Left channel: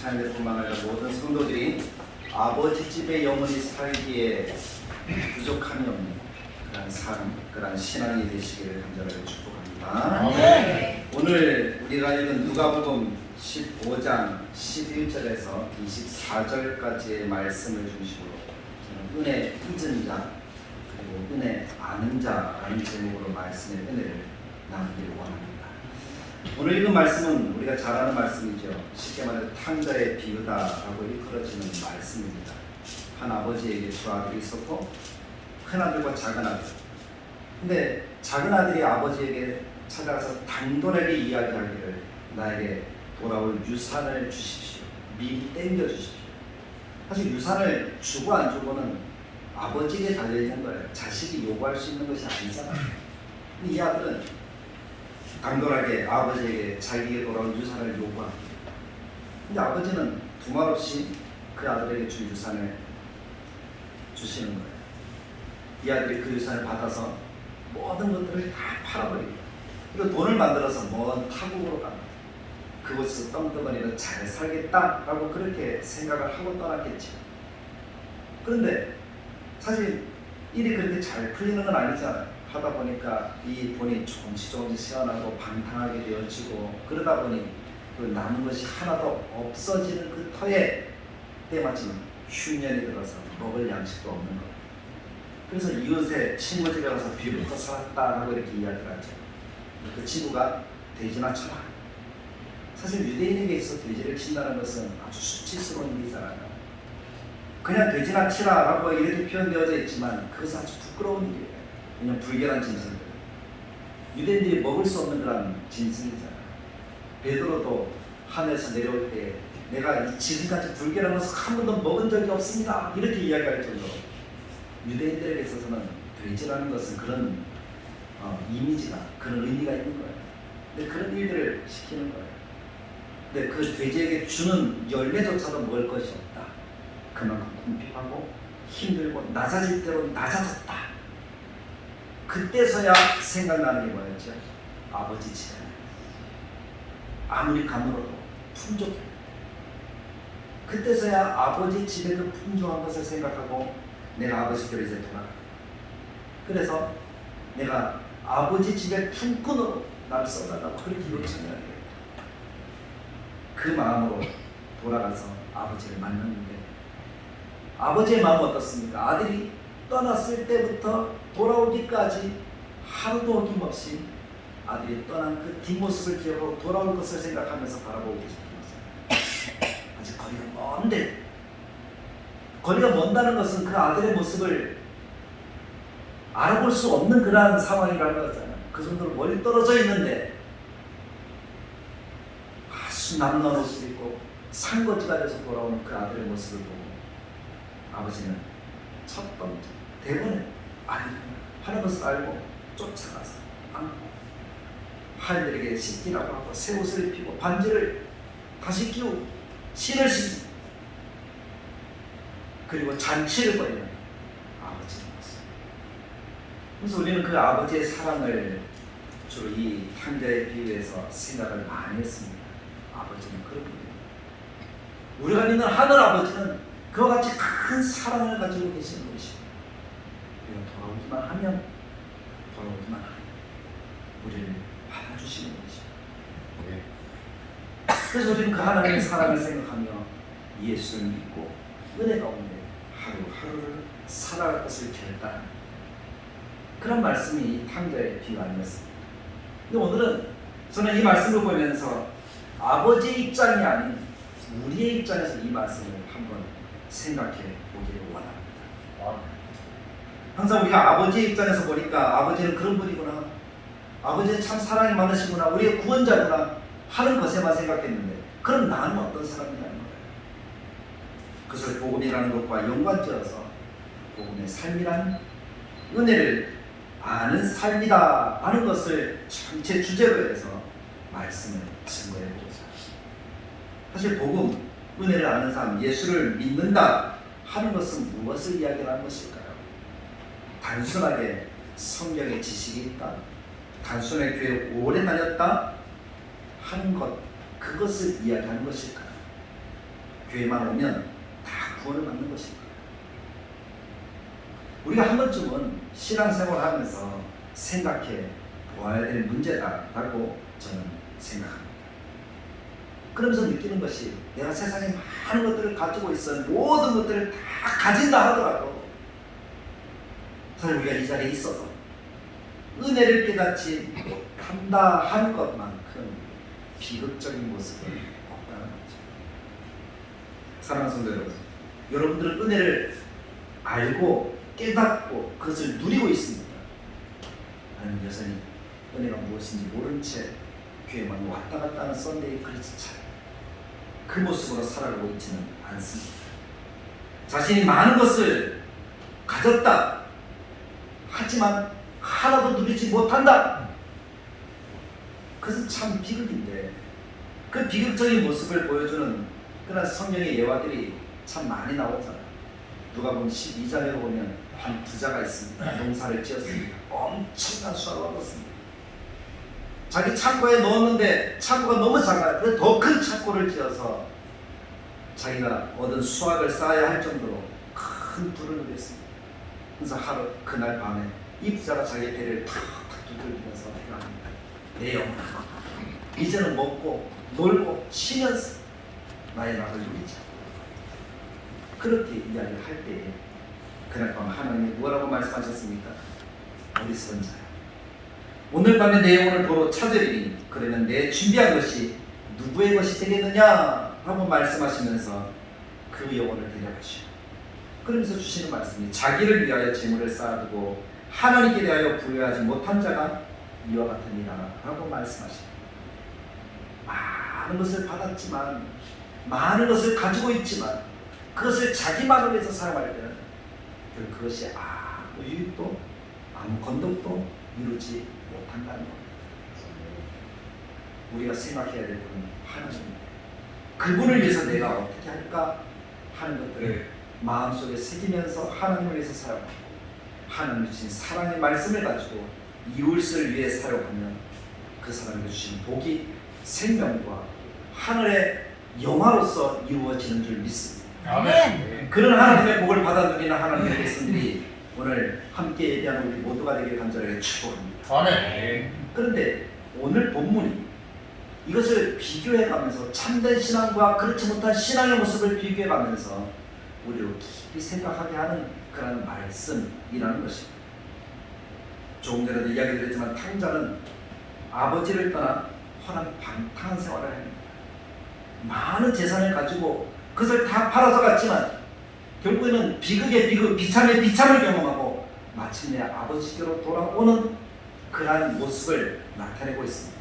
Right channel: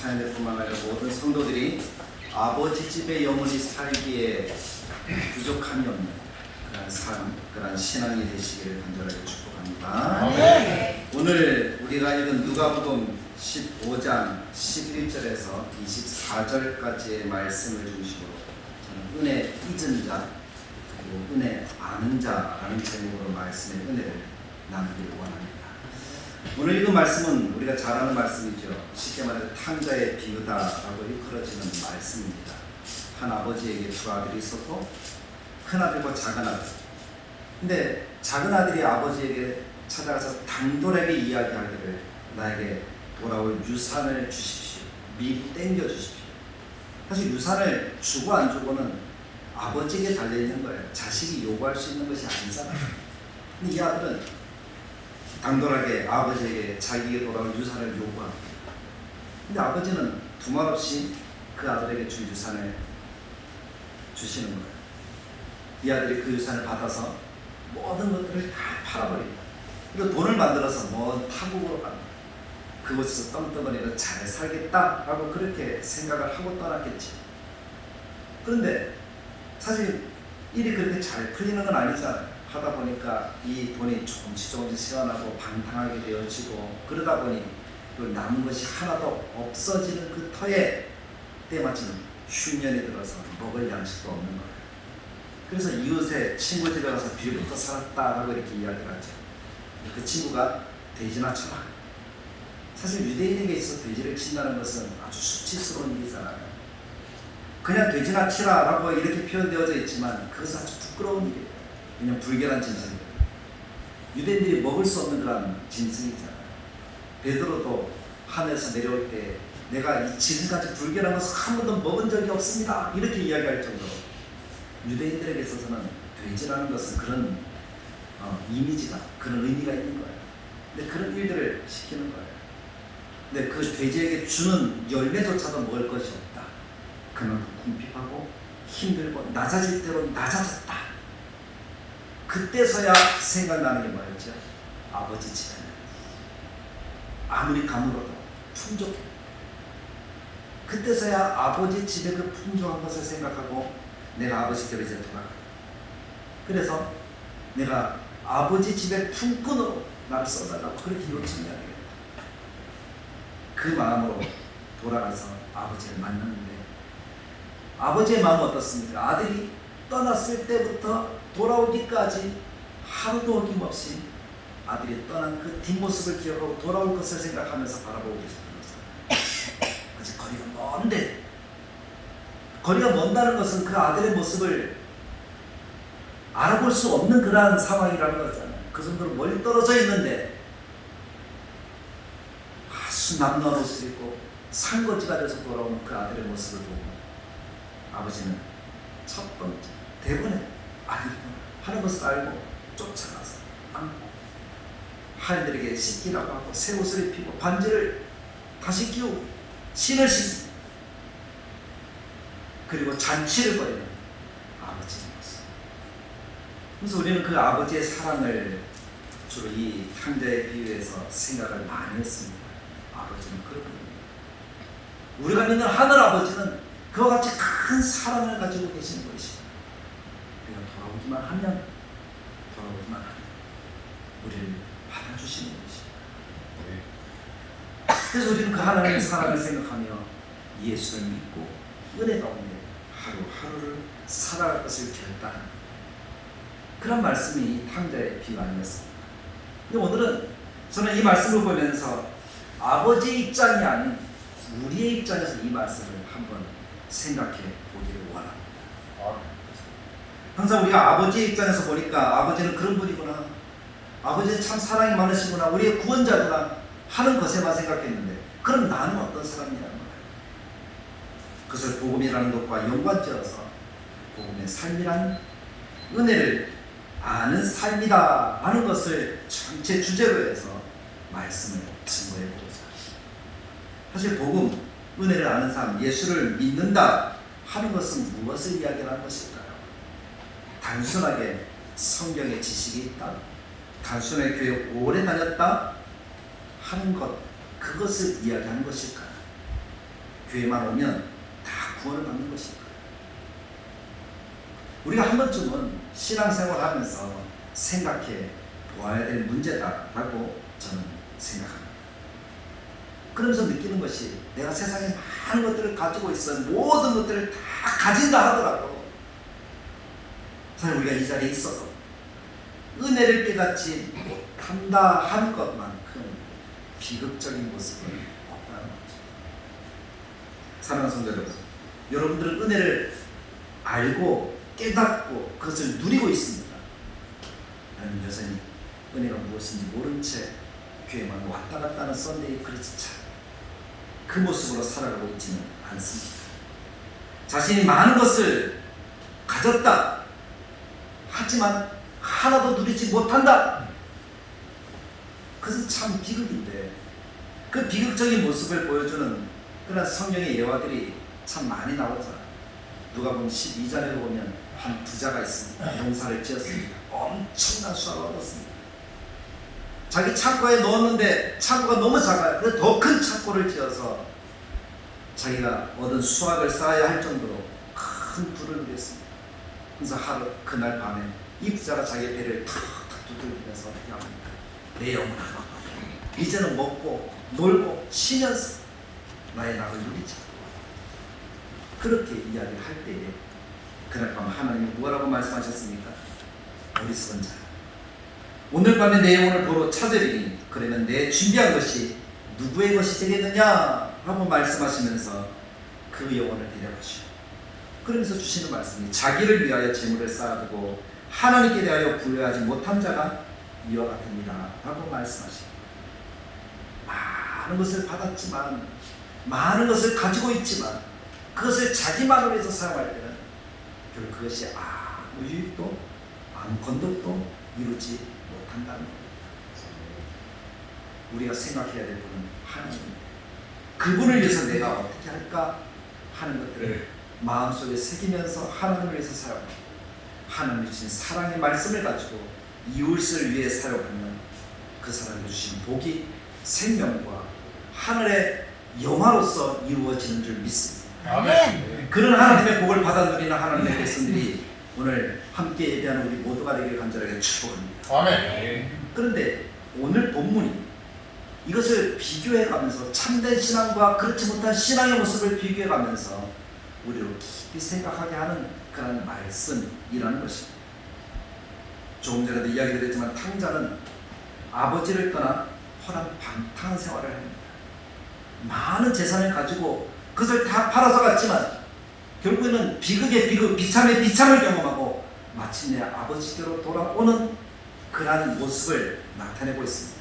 자녀들뿐만 아니라 모든 성도들이 아버지 집에 영원히 살기에 부족함이 없는 그런 삶, 그런 신앙이 되시기를 간절하게 축복합니다. 네. 오늘 우리가 읽은 누가복음 15장 11절에서 24절까지의 말씀을 중심으로 저는 은혜 잊은 자 그리고 은혜 아는 자라는 제목으로 말씀의 은혜를 나누기를 원합니다. 오늘 읽은 말씀은 우리가 잘 아는 말씀이죠. 쉽게 말해서 탕자의 비유다라고 일컬어지는 말씀입니다. 한 아버지에게 두 아들이 있었고 큰아들과 작은아들. 근데 작은아들이 아버지에게 찾아가서 당돌하게 이야기하기를 나에게 돌아올 유산을 주십시오. 미리 땡겨주십시오. 사실 유산을 주고 안 주고는 아버지에게 달려있는 거예요. 자식이 요구할 수 있는 것이 아니잖아요. 근데 이 아들은 당돌하게 아버지에게 자기에게 돌아온 유산을 요구합니다. 근데 아버지는 두말 없이 그 아들에게 준 유산을 주시는 거예요. 이 아들이 그 유산을 받아서 모든 것들을 다 팔아버립니다. 그리고 돈을 만들어서 먼 타국으로 갑니다. 그곳에서 떵떵거리고 잘 살겠다라고 그렇게 생각을 하고 떠났겠지. 그런데 사실 일이 그렇게 잘 풀리는 건 아니잖아요. 하다 보니까 이 돈이 조금씩 시원하고 방탕하게 되어지고 그러다 보니 그 남은 것이 하나도 없어지는 그 터에 때마침 흉년이 들어서 먹을 양식도 없는 거예요. 그래서 이웃의 친구 집에 가서 뒤부터 살았다라고 이렇게 이야기를 하죠. 그 친구가 돼지나 쳐라. 사실 유대인에게 있어서 돼지를 친다는 것은 아주 수치스러운 일이잖아요. 그냥 돼지나 치라라고 이렇게 표현되어져 있지만 그것은 아주 부끄러운 일이에요. 그냥 불결한 짐승들. 유대인들이 먹을 수 없는 그런 짐승이잖아요. 베드로도 하늘에서 내려올 때 내가 지금까지 불결한 것을 한 번도 먹은 적이 없습니다. 이렇게 이야기할 정도로 유대인들에게 있어서는 돼지라는 것은 그런 이미지가, 그런 의미가 있는 거예요. 근데 그런 일들을 시키는 거예요. 근데 그 돼지에게 주는 열매조차도 먹을 것이 없다. 그만큼 궁핍하고 힘들고 낮아질 대로 낮아졌다. 그때서야 생각나는 게 뭐였죠? 아버지 집에 아무리 가물어도 풍족해. 그때서야 아버지 집에 그 풍족한 것을 생각하고 내가 아버지께로 이제 돌아가. 그래서 내가 아버지 집의 품꾼으로 나를 써달라고 그렇게 요청해야 되겠다. 그 마음으로 돌아가서 아버지를 만났는데 아버지의 마음은 어떻습니까? 아들이 떠났을 때부터 돌아오기까지 하루도 어김없이 아들이 떠난 그 뒷모습을 기억하고 돌아올 것을 생각하면서 바라보고 계셨습니다. 아직 거리가 먼데, 거리가 먼다는 것은 그 아들의 모습을 알아볼 수 없는 그러한 상황이라는 거잖아요. 그 정도로 멀리 떨어져 있는데 아주 남러울 수 있고 산거지가 돼서 돌아오는 그 아들의 모습을 보고 아버지는 첫 번째 대본에 하는 것을 알고 쫓아가서 하인들에게 씻기라고 하고 새 옷을 입히고 반지를 다시 끼우고 신을 신고 그리고 잔치를 벌이는 아버지의 모습. 그래서 우리는 그 아버지의 사랑을 주로 이 탕자의 비유에서 생각을 많이 했습니다. 아버지는 그런 분입니다. 우리가 믿는 하늘 아버지는 그와 같이 큰 사랑을 가지고 계시는 분이십니다. 우리가 돌아오기만 하면 우리를 받아주시는 분이십니다. 그래서 우리는 그 하나님의 사랑을 생각하며 예수를 믿고 은혜 가운데 하루하루를 살아갈 것을 결단한 그런 말씀이 이 탕자의 비유 아니었습니다. 근데 오늘은 저는 이 말씀을 보면서 아버지의 입장이 아닌 우리의 입장에서 이 말씀을 한번 생각해 보기를 원합니다. 항상 우리가 아버지의 입장에서 보니까 아버지는 그런 분이구나, 아버지는 참 사랑이 많으시구나, 우리의 구원자구나 하는 것에만 생각했는데 그럼 나는 어떤 사람이냐는 거예요. 그것을 복음이라는 것과 연관지어서 복음의 삶이란 은혜를 아는 삶이다 하는 것을 전체 주제로 해서 말씀을 증거해 보겠습니다. 사실 복음, 은혜를 아는 삶, 예수를 믿는다 하는 것은 무엇을 이야기하는 것일까요? 단순하게 성경의 지식이 있다, 단순하게 교회 오래 다녔다 하는 것, 그것을 이야기하는 것일까요? 교회만 오면 다 구원을 받는 것일 거예요. 우리가 한 번쯤은 신앙생활 하면서 생각해 보아야 될 문제다라고 저는 생각합니다. 그러면서 느끼는 것이 내가 세상에 많은 것들을 가지고 있어 모든 것들을 다 가진다 하더라도 사실 우리가 이 자리에 있어서 은혜를 깨닫지 못한다 하는 것만큼 비극적인 모습은 없다는 거죠. 사랑하는 성도 여러분, 여러분들은 은혜를 알고 깨닫고 그것을 누리고 있습니다. 아니면 여전히 은혜가 무엇인지 모른 채 교회만 왔다 갔다 하는 썬데이 크리스찬, 그 모습으로 살아가고 있지는 않습니다. 자신이 많은 것을 가졌다 하지만 하나도 누리지 못한다. 그것은 참 비극인데, 그 비극적인 모습을 보여주는 그런 성경의 예화들이 참 많이 나오잖아요. 누가복음 12장에 보면 한 부자가 있습니다. 농사를 지었습니다. 엄청난 수확을 얻었습니다. 자기 창고에 넣었는데 창고가 너무 작아요. 그래서 더 큰 창고를 지어서 자기가 얻은 수확을 쌓아야 할 정도로 큰 부를 누렸습니다. 그래서 하루 그날 밤에 이 부자가 자기의 배를 탁탁 두들기면서 내 영혼아, 이제는 먹고 놀고 쉬면서 나의 낙을 누리자. 그렇게 이야기를 할 때에 그날 밤 하나님이 뭐라고 말씀하셨습니까? 어리석은 자야, 오늘 밤에 내 영혼을 도로 찾으리니 그러면 내 준비한 것이 누구의 것이 되겠느냐 하고 말씀하시면서 그 영혼을 데려가시오. 그러면서 주시는 말씀이 자기를 위하여 재물을 쌓아두고 하나님께 대하여 부여하지 못한 자가 이와 같습니다 라고 말씀하십니다. 많은 것을 받았지만, 많은 것을 가지고 있지만 그것을 자기만을 위해서 사용할 때는 결국 그것이 아무 유익도 아무 건덕도 이루지 못한다는 겁니다. 우리가 생각해야 될 분은 하나님, 그분을 위해서 내가 어떻게 할까 하는 것들을 마음속에 새기면서 하나님을 위해서 사용하고, 하나님 주신 사랑의 말씀을 가지고 이웃을 위해 사용하면 그 사람이 주신 복이 생명과 하늘의 영화로서 이루어지는 줄 믿습니다. 아멘. 그런 하나님의 복을 받아 누리는 하나님의 백성들이 오늘 함께 예배하는 우리 모두가 되길 간절하게 축복합니다. 아멘. 그런데 오늘 본문이 이것을 비교해가면서 참된 신앙과 그렇지 못한 신앙의 모습을 비교해가면서 우리를 깊이 생각하게 하는 그런 말씀이라는 것입니다. 조금 전에도 이야기 드렸지만 탕자는 아버지를 떠나 헐한 방탕한 생활을 합니다. 많은 재산을 가지고 그것을 다 팔아서 갔지만 결국에는 비극의 비극, 비참의 비참을 경험하고 마침내 아버지께로 돌아오는 그러한 모습을 나타내고 있습니다.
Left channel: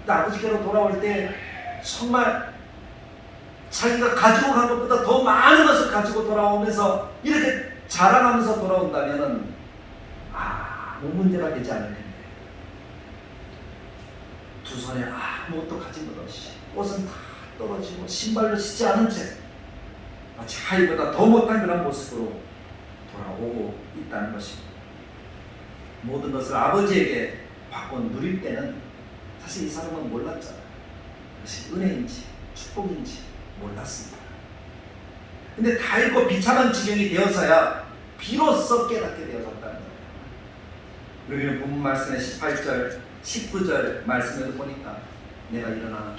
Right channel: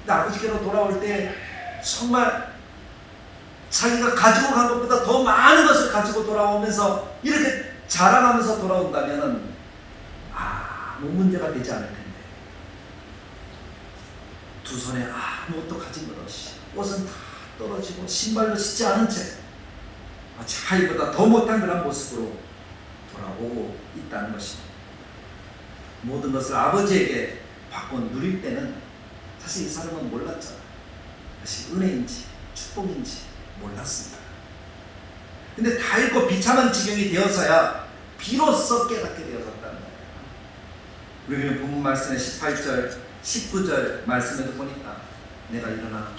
근데 아버지께로 돌아올 때 정말 자기가 가지고 간 것보다 더 많은 것을 가지고 돌아오면서 이렇게 자랑하면서 돌아온다면 아무 문제가 되지 않을 텐데, 두 손에 아무것도 가진 것 없이 옷은 다 떨어지고 신발도 신지 않은 채 마치 하이보다 더 못한 그런 모습으로 돌아오고 있다는 것입니다. 모든 것을 아버지에게 받고 누릴 때는 사실 이 사람은 몰랐잖아요. 사실 은혜인지 축복인지 몰랐습니다. 근데 다 잃고 비참한 지경이 되어서야 비로소 깨닫게 되어졌다는 거예요. 우리는 본문 말씀의 18절, 19절 말씀에도 보니까 내가 일어나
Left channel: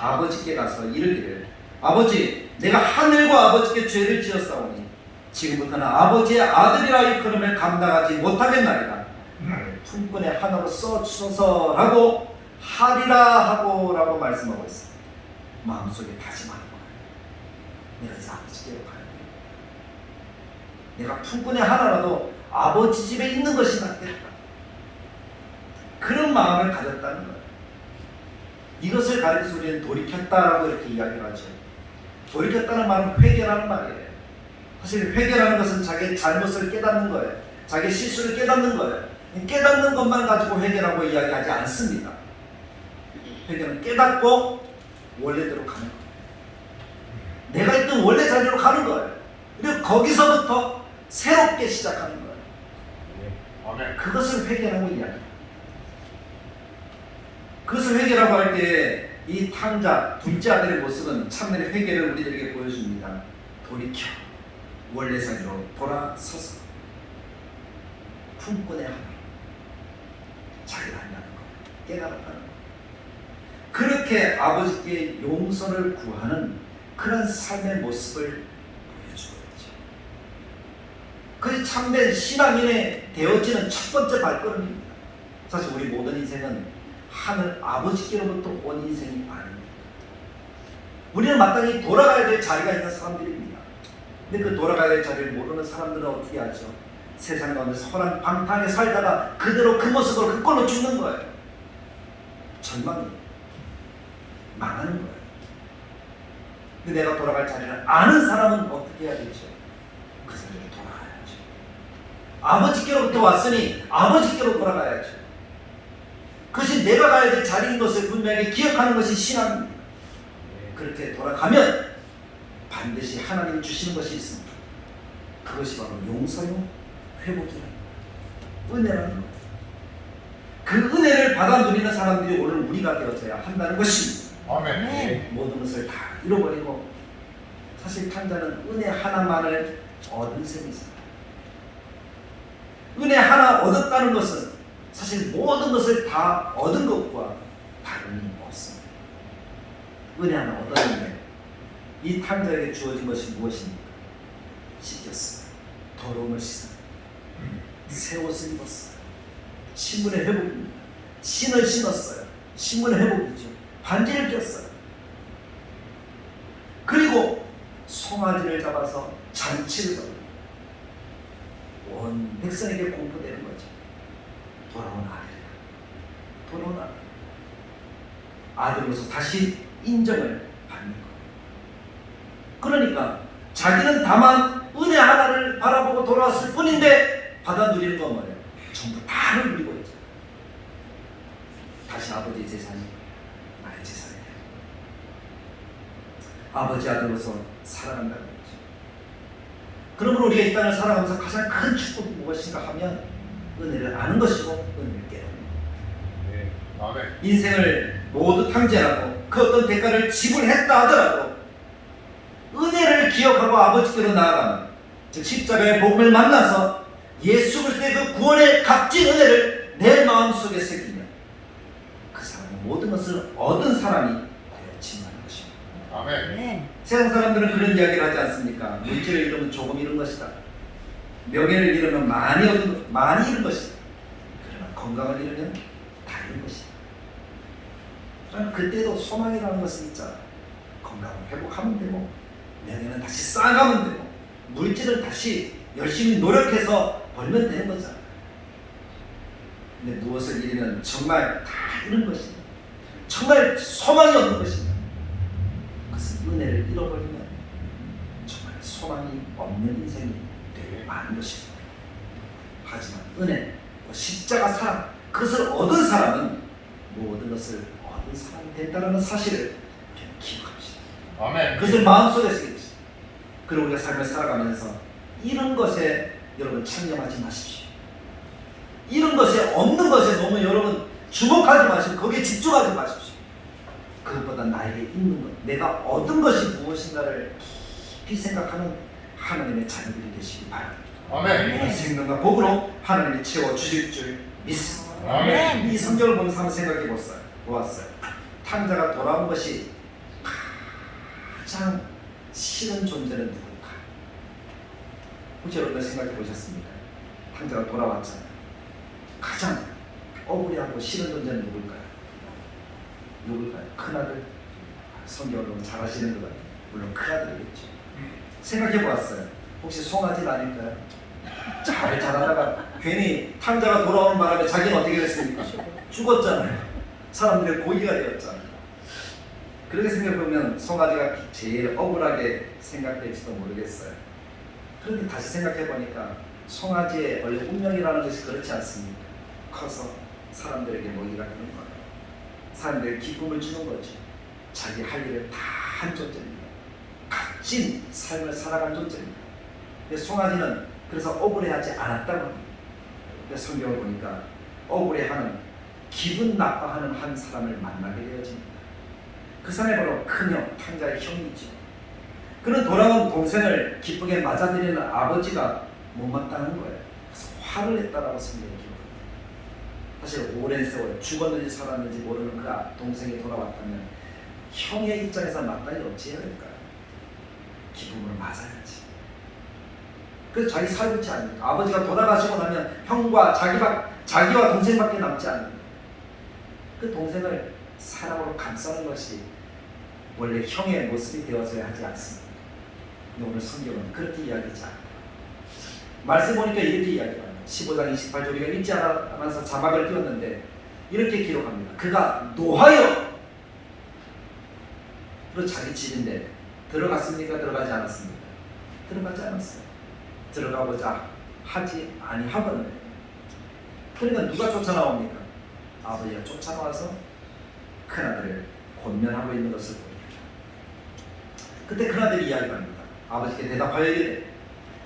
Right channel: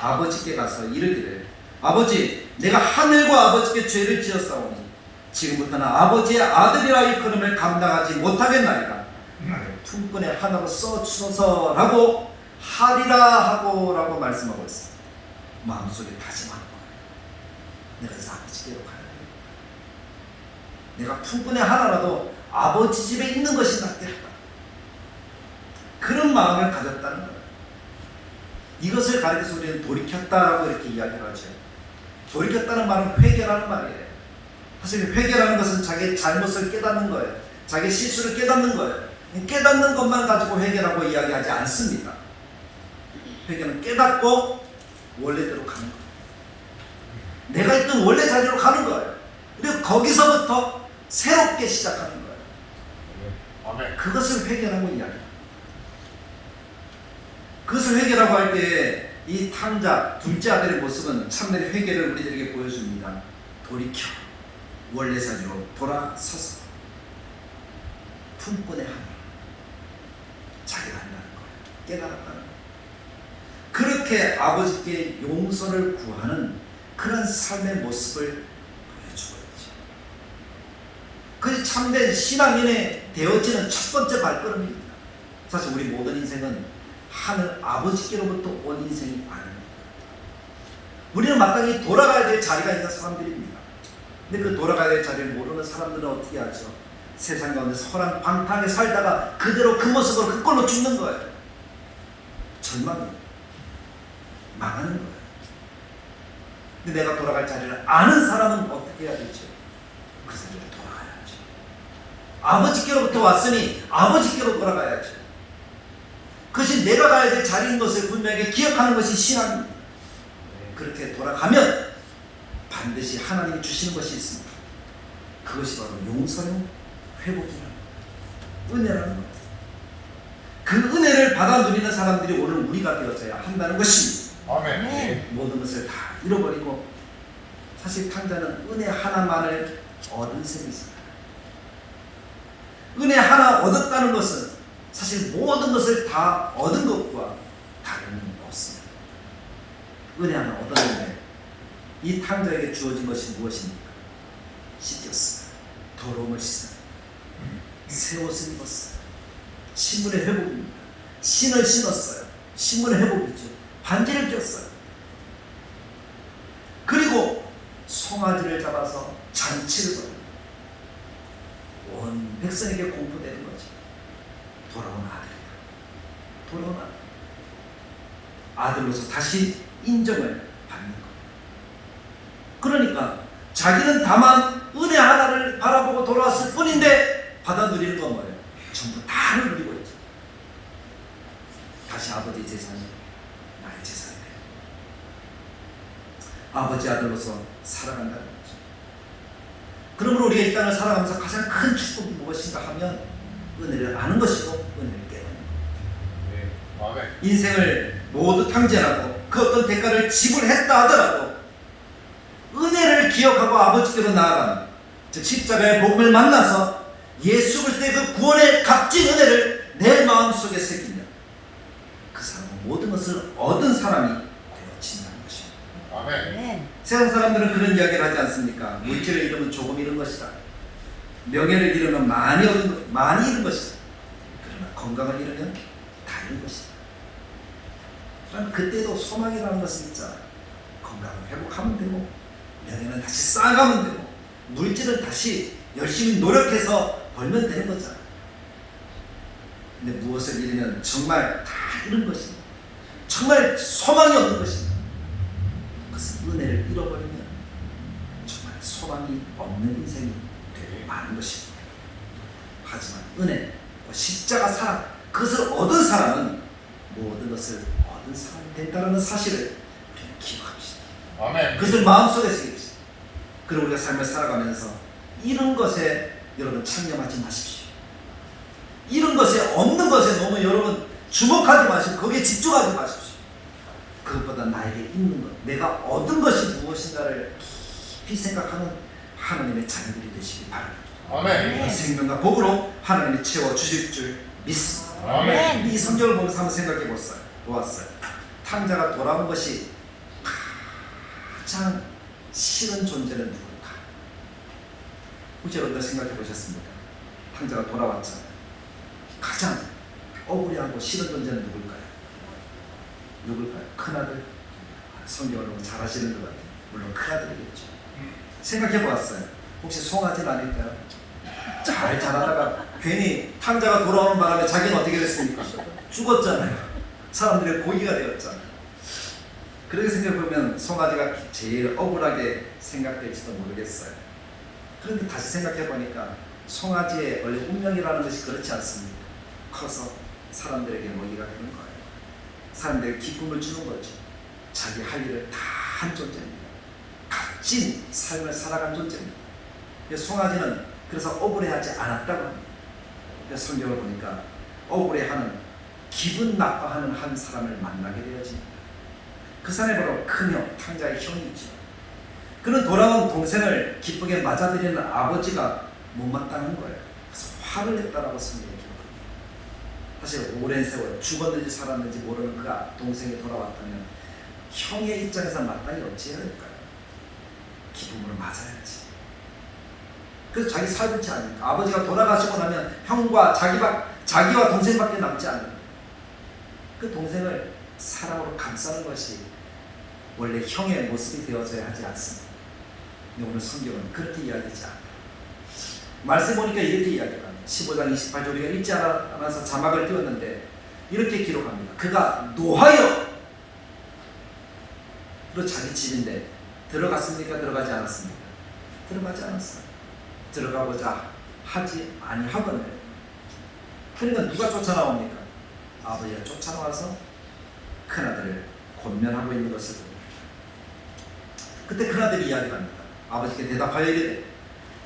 아버지께 가서 이르기를 아버지, 내가 하늘과 아버지께 죄를 지었사오니 지금부터는 아버지의 아들이라 일컬음을 감당하지 못하겠나이다. 나를 품꾼의 하나로 써주소서라고 하리라 하고 라고 말씀하고 있습니다. 마음속에 다짐하는 거예요. 내가 이제 아버지께로 가야 돼. 내가 품꾼의 하나라도 아버지 집에 있는 것이 낫겠다. 그런 마음을 가졌다는 거예요. 이것을 가르쳐서 우리는 돌이켰다라고 이렇게 이야기를 하죠. 돌이켰다는 말은 회개라는 말이에요. 사실 회개라는 것은 자기의 잘못을 깨닫는 거예요. 자기의 실수를 깨닫는 거예요. 깨닫는 것만 가지고 회개라고 이야기하지 않습니다. 회개는 깨닫고 원래대로 가는 거예요. 내가 있던 원래 자리로 가는 거예요. 그리고 거기서부터 새롭게 시작하는 거예요. 그것을 회개라고 이야기해요. 그것을 회개라고 할 때 이 탕자 둘째 아들의 모습은 참된 회개를 우리들에게 보여줍니다. 돌이켜 원래 자리로 돌아서서 품꾼의 하나님 자기가 한다는 것 깨달았다는 것, 그렇게 아버지께 용서를 구하는 그런 삶의 모습을 보여주고 있죠. 그것이 참된 신앙인의 되어지는 첫 번째 발걸음입니다. 사실 우리 모든 인생은 하늘 아버지께로부터 온 인생이 아닙니다. 우리는 마땅히 돌아가야 될 자리가 있는 사람들입니다. 근데 그 돌아가야 될 자리를 모르는 사람들은 어떻게 하죠? 세상 가운데 허랑방탕하게 살다가 그대로 그 모습으로 그 꼴로 죽는 거예요. 절망은 망하는 거예요. 근데 내가 돌아갈 자리를 아는 사람은 어떻게 해야 되죠? 그 자리를 돌아가야죠. 아버지께로부터 왔으니 아버지께로 돌아가야죠. 그것이 내가 가야 될 자리인 것을 분명하게 기억하는 것이 신앙입니다. 그렇게 돌아가면 반드시 하나님이 주시는 것이 있습니다. 그것이 바로 용서요 회복이라는 은혜라는 거예요. 그 은혜를 받아 누리는 사람들이 오늘 우리가 되어져야 한다는 것입니다. 아멘. 모든 것을 다 잃어버리고 사실 탕자는 은혜 하나만을 얻은 셈이잖아요. 은혜 하나 얻었다는 것은 사실 모든 것을 다 얻은 것과 다름이 없습니다. 은혜 하나 얻었는데 이 탕자에게 주어진 것이 무엇입니까? 씻겼어요. 더러움을 씻어요. 새 옷을 입었어요. 신문의 회복입니다. 신을 신었어요. 신문의 회복이죠. 반지를 꼈어요. 그리고 송아지를 잡아서 잔치를 벌여요. 온 백성에게 공포되는 거죠. 돌아온 아들이다. 돌아온 아들. 아들로서 다시 인정을 받는 거예요. 그러니까 자기는 다만 은혜 하나를 바라보고 돌아왔을 뿐인데 받아 누리는 건 뭐예요? 전부 다를 누리고 있죠. 다시 아버지 재산이 나의 재산이 돼요. 아버지 아들로서 살아간다는 거죠. 그러므로 우리가 이 땅을 살아가면서 가장 큰 축복이 무엇인가 하면 은혜를 아는 것이고 은혜를 깨닫는 것. 아멘. 인생을 모두 탕제하고 그 어떤 대가를 지불했다 하더라도 은혜를 기억하고 아버지께로 나아가는, 즉 십자가의 복음을 만나서 예수 그리스도의 그 구원의 값진 은혜를 내 마음속에 새기며 그 사람은 모든 것을 얻은 사람이 되어진다는 것입니다. 아멘. 세상 사람들은 그런 이야기를 하지 않습니까? 물질을 잃으면 조금 잃은 것이다. 명예를 잃으면 많이 잃은 것이다. 그러나 건강을 잃으면 다 잃은 것이다. 그러나 그때도 소망이라는 것은 있잖아요. 건강을 회복하면 되고 명예는 다시 쌓아가면 되고 물질을 다시 열심히 노력해서 벌면 되는 거잖아요. 근데 무엇을 잃으면 정말 다 잃은 것입니다. 정말 소망이 없는 것입니다. 그것은 은혜를 잃어버리면 정말 소망이 없는 인생이 되고 마는 것입니다. 하지만 은혜, 십자가 사랑, 그것을 얻은 사람은 모든 것을 얻은 사람이 된다는 사실을 기억합시다. 아멘. 그것을 마음속에 새깁시다. 그리고 우리가 삶을 살아가면서 이런 것에 여러분 창념하지 마십시오. 이런 것에 없는 것에 너무 여러분 주목하지 마시고 거기에 집중하지 마십시오. 그것보다 나에게 있는 것, 내가 얻은 것이 무엇인가를 깊이 생각하는 하나님의 자녀들이 되시기 바랍니다. 아멘. 생명과 복으로 하나님이 채워주실 줄 믿습니다. 아멘. 이 성경을 보면서 한번 생각해 보았어요. 탕자가 돌아온 것이 가장 싫은 존재는 누굴까? 혹시 여러분들 생각해 보셨습니까? 탕자가 돌아왔잖아요. 가장 억울해하고 싫은 존재는 누굴까요? 누굴까요? 큰아들? 성경을 보면 잘 아시는 것 같아요. 물론 큰아들이겠죠. 생각해 보았어요. 혹시 송아지는 아닐까요? 잘 자라다가 괜히 탕자가 돌아오는 바람에 자기는 어떻게 됐습니까? 죽었잖아요. 사람들의 고기가 되었잖아요. 그렇게 생각해보면 송아지가 제일 억울하게 생각될지도 모르겠어요. 그런데 다시 생각해보니까 송아지의 원래 운명이라는 것이 그렇지 않습니까? 커서 사람들에게 먹이가 되는 거예요. 사람들에게 기쁨을 주는 거죠. 자기 할 일을 다 한 존재입니다. 값진 삶을 살아간 존재입니다. 송아지는 그래서 억울해하지 않았다고 합니다. 성경을 보니까 억울해하는, 기분 나빠하는 한 사람을 만나게 되어집니다. 그 사람이 바로 큰형, 탕자의 형이죠. 그는 돌아온 동생을 기쁘게 맞아들이는 아버지가 못마땅한 거예요. 그래서 화를 냈다라고 성경이 기록합니다. 사실 오랜 세월 죽었는지 살았는지 모르는 그 동생이 돌아왔다면 형의 입장에서 마땅히 어찌해야 될까요? 기쁨으로 맞아야지. 그래서 자기 살붙지 않으니까 아버지가 돌아가시고 나면 형과 자기와 동생밖에 남지 않는 거예요. 그 동생을 사랑으로 감싸는 것이 원래 형의 모습이 되어져야 하지 않습니까? 오늘 성경은 그렇게 이야기하지 않다. 말씀 보니까 이렇게 이야기합니다. 15장 28절 우리가 읽지 않아서 자막을 띄웠는데 이렇게 기록합니다. 그가 노하여 그리고 자기 집인데 들어갔습니까? 들어가지 않았습니까? 들어가지 않았어요. 들어가보자 하지 아니하거든요. 그러니까 누가 쫓아나옵니까? 아버지가 쫓아나와서 큰아들을 권면하고 있는 것을 봅니다. 그때 큰아들이 이야기합니다. 아버지께 대답하여 이르되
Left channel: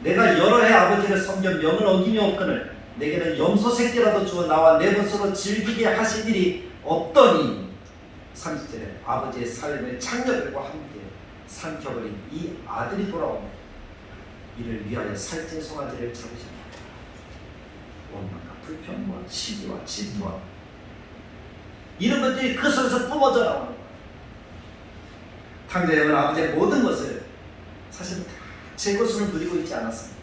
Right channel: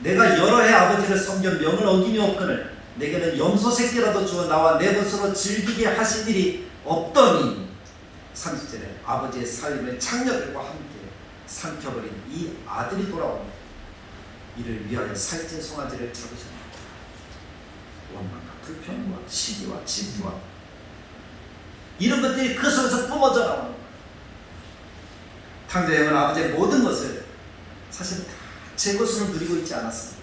내가 여러 해 아버지를 섬겨 명을 어기니 없거늘 내게는 염소 새끼라도 주어 나와 내 것으로 즐기게 하신 일이 없더니 30절에 아버지의 살림을 창녀들과 함께 삼켜버린 이 아들이 돌아옵니다. 이를 위하여 살찐 송아지를 잡으셨습니다. 원망과 불평과 시기와 질투와 이런 것들이 그 속에서 뿜어져 나오는 거예요. 탕자형은 아버지의 모든 것을 사실 다 제 것으로 누리고 있지 않았습니다.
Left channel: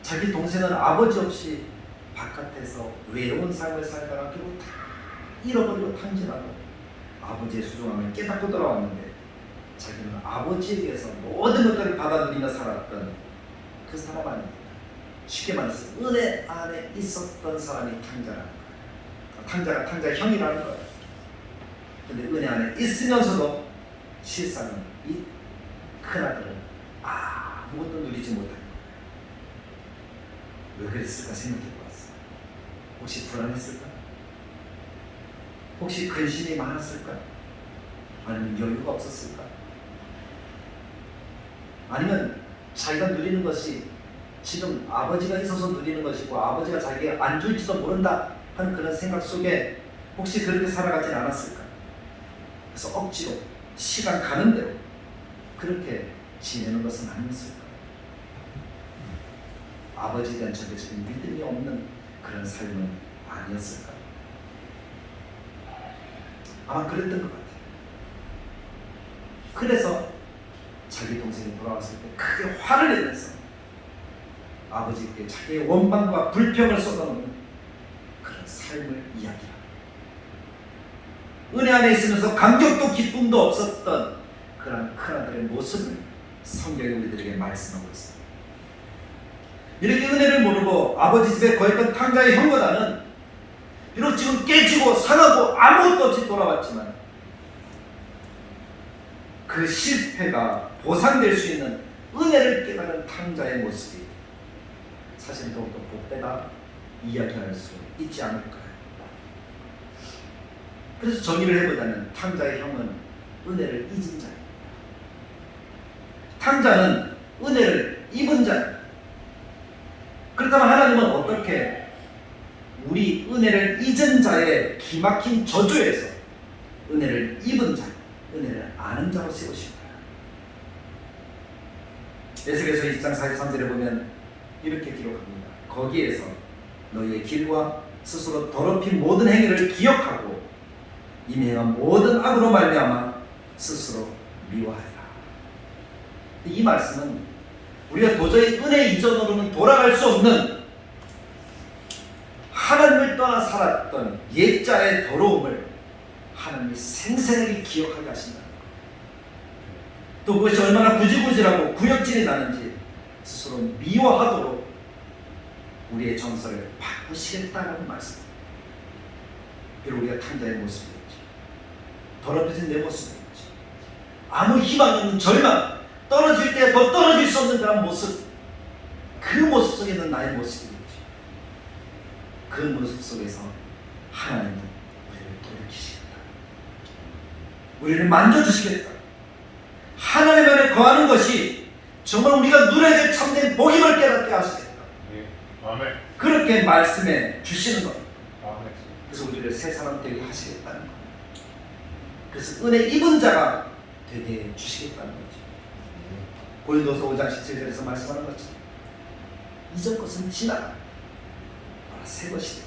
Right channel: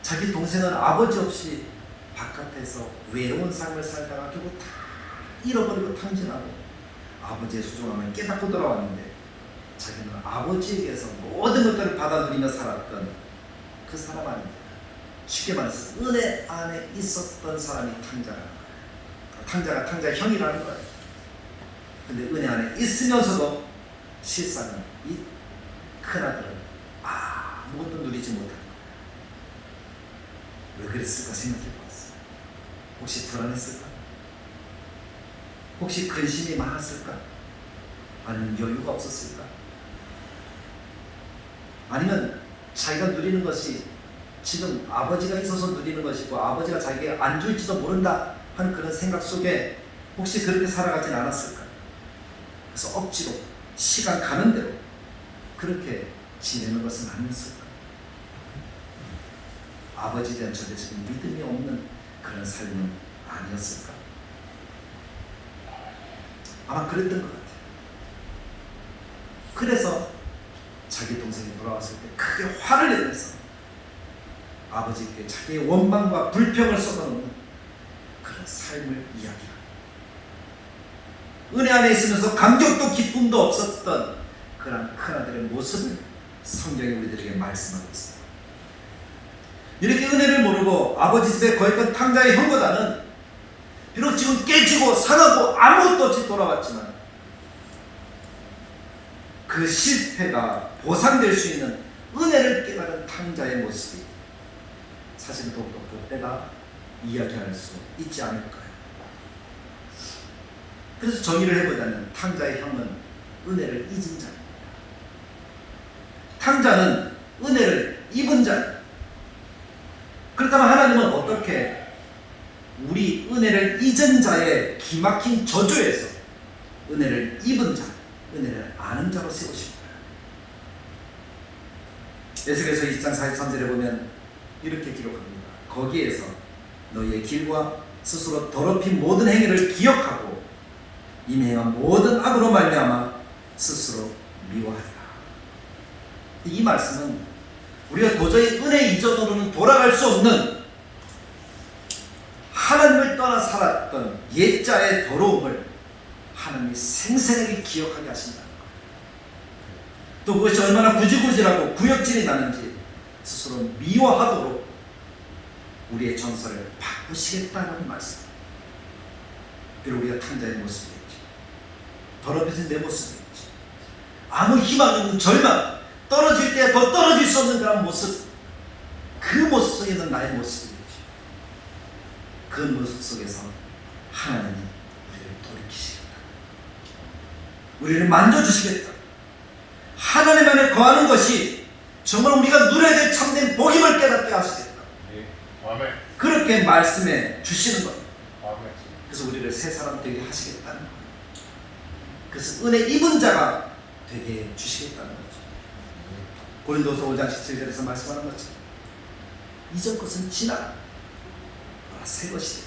자기 동생은 아버지 없이 바깥에서 외로운 삶을 살다가 결국 다 잃어버리고 탕진하고 아버지의 소중함을 깨닫고 돌아왔는데 자기는 아버지에 대해서 모든 것들을 받아들이며 살았던 그 사람 아닙니다. 쉽게 말해서 은혜 안에 있었던 사람이 탕자라는 거예요. 탕자가 탕자의 형이라는 거예요. 근데 은혜 안에 있으면서도 실상은 이 큰아들은 아무것도 누리지 못한 거예요. 왜 그랬을까 생각해봤어요. 혹시 불안했을까? 혹시 근심이 많았을까? 아니면 여유가 없었을까? 아니면 자기가 누리는 것이 지금 아버지가 있어서 누리는 것이고 아버지가 자기에게 안 줄지도 모른다 하는 그런 생각 속에 혹시 그렇게 살아가진 않았을까? 그래서 억지로 시간 가는 대로 그렇게 지내는 것은 아니었을까? 아버지에 대한 절대적인 믿음이 없는 그런 삶은 아니었을까? 아마 그랬던 것 같아요. 그래서 자기 동생이 돌아왔을 때 크게 화를 내면서 아버지께 자기의 원망과 불평을 쏟아놓는 그런 삶을 이야기합니다. 은혜 안에 있으면서 감격도 기쁨도 없었던 그런 큰아들의 모습을 성경이 우리들에게 말씀하고 있습니다. 이렇게 은혜를 모르고 아버지 집에 거했던 탕자의 형보다는 비록 지금 깨지고 상하고 아무것도 없이 돌아왔지만 그 실패가 보상될 수 있는 은혜를 깨달은 탕자의 모습이 사실 더욱더 복되다 이야기할 수 있지 않을까요? 그래서 정의를 해보자면 탕자의 형은 은혜를 잊은 자예요. 탕자는 은혜를 입은 자예요. 그렇다면 하나님은 어떻게 우리 은혜를 잊은 자의 기막힌 저주에서 은혜를 입은 자, 은혜를 아는 자로 세우실까요? 에스겔서 20장 43절에 보면 이렇게 기록합니다. 거기에서 너희의 길과 스스로 더럽힌 모든 행위를 기억하고 이미 행한 모든 악으로 말미암아 스스로 미워하라. 이 말씀은 우리가 도저히 은혜 이전으로는 돌아갈 수 없는 하나님을 떠나 살았던 옛자의 더러움을 하나님이 생생하게 기억하게 하신다는 거예요. 또 그것이 얼마나 구질구질하고 구역질이 나는지 스스로 미워하도록 우리의 정서를 바꾸시겠다는 말씀. 그리고 우리가 탕자의 모습이었지. 더러워진 내 모습이었지. 아무 희망 없는 절망, 떨어질 때 더 떨어질 수 없는 그런 모습, 그 모습 속에 있는 나의 모습이었지. 그 모습 속에서 하나님은 우리를 돌이키시겠다. 우리를 만져주시겠다. 하나님 안에 거하는 것이 정말 우리가 누려야 될 참된 복임을 깨닫게 하시겠다. 아멘. 그렇게 말씀해 주시는 겁니다. 아멘. 그래서 우리를 새 사람 되게 하시겠다는 거예요. 그래서 은혜 입은 자가 되게 주시겠다는 거죠. 고린도서 5장 17절에서 말씀하는 거죠. 이전 것은 지나라. 새 것이다.